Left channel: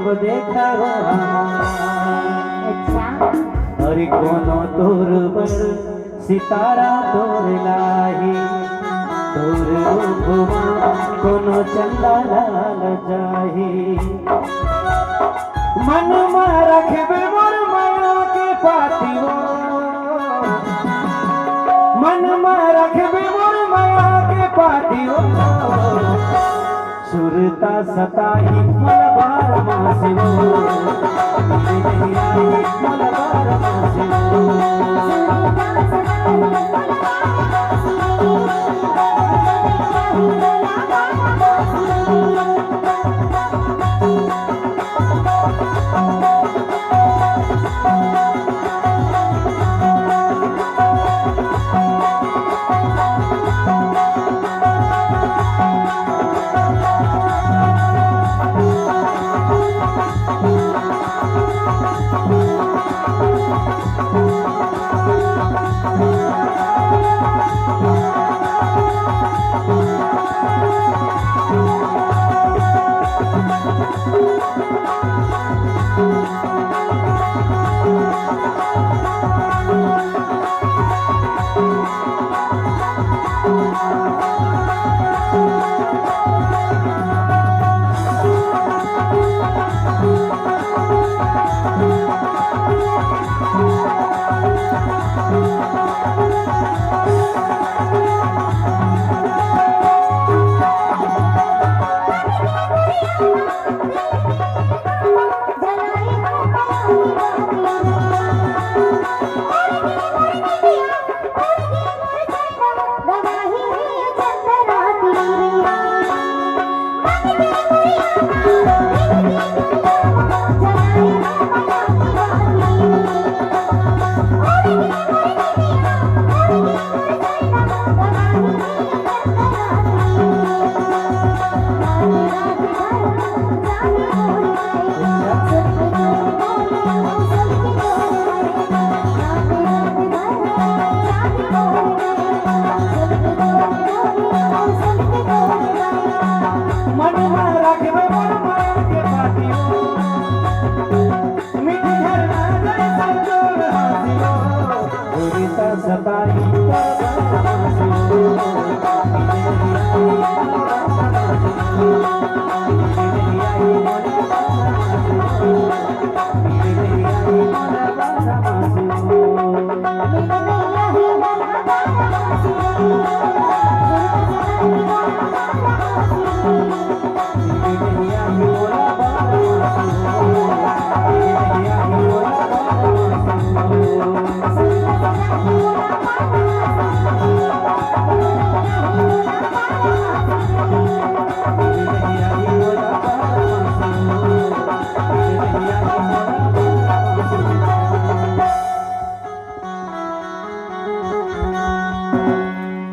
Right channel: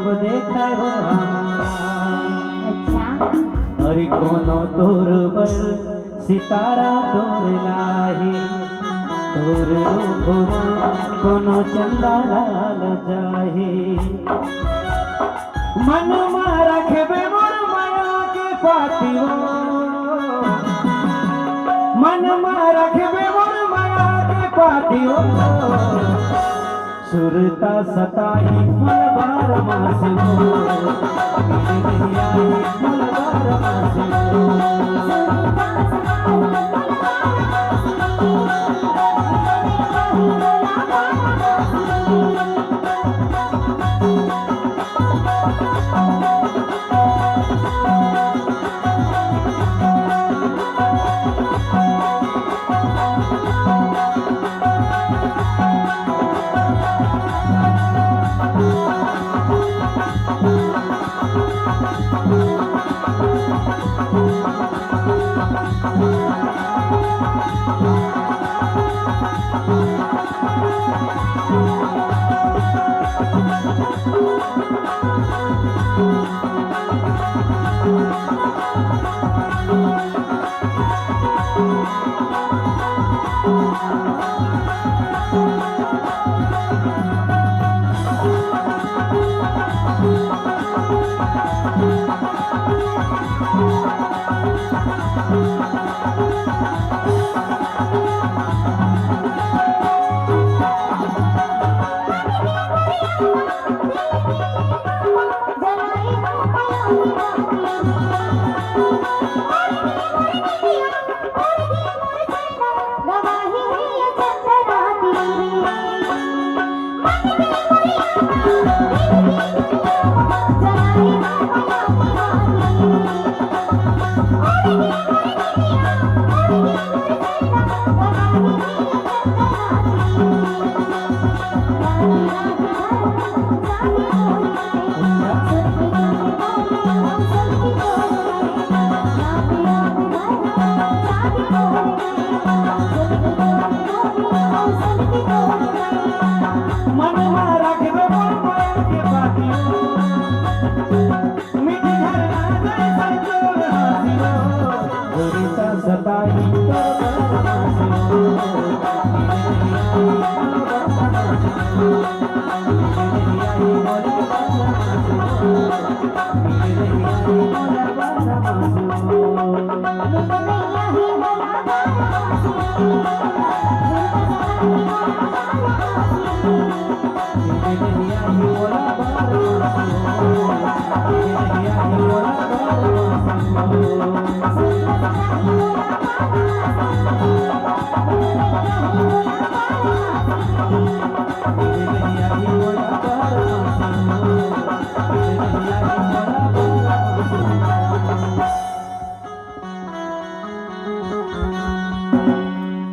जब देखा हो अच्छा अरे कोनो तोर बर सितारा तोर लाही तोर रूपमा कोनो चंदा लाल जाही मन में रखबे मोर माया के पातियो मन में रखबे मोर माया के पातियो सुरता सताही मलबार मासियो मलबार मासियो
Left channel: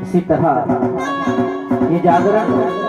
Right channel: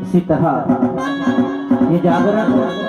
इसी तरह ये जागरण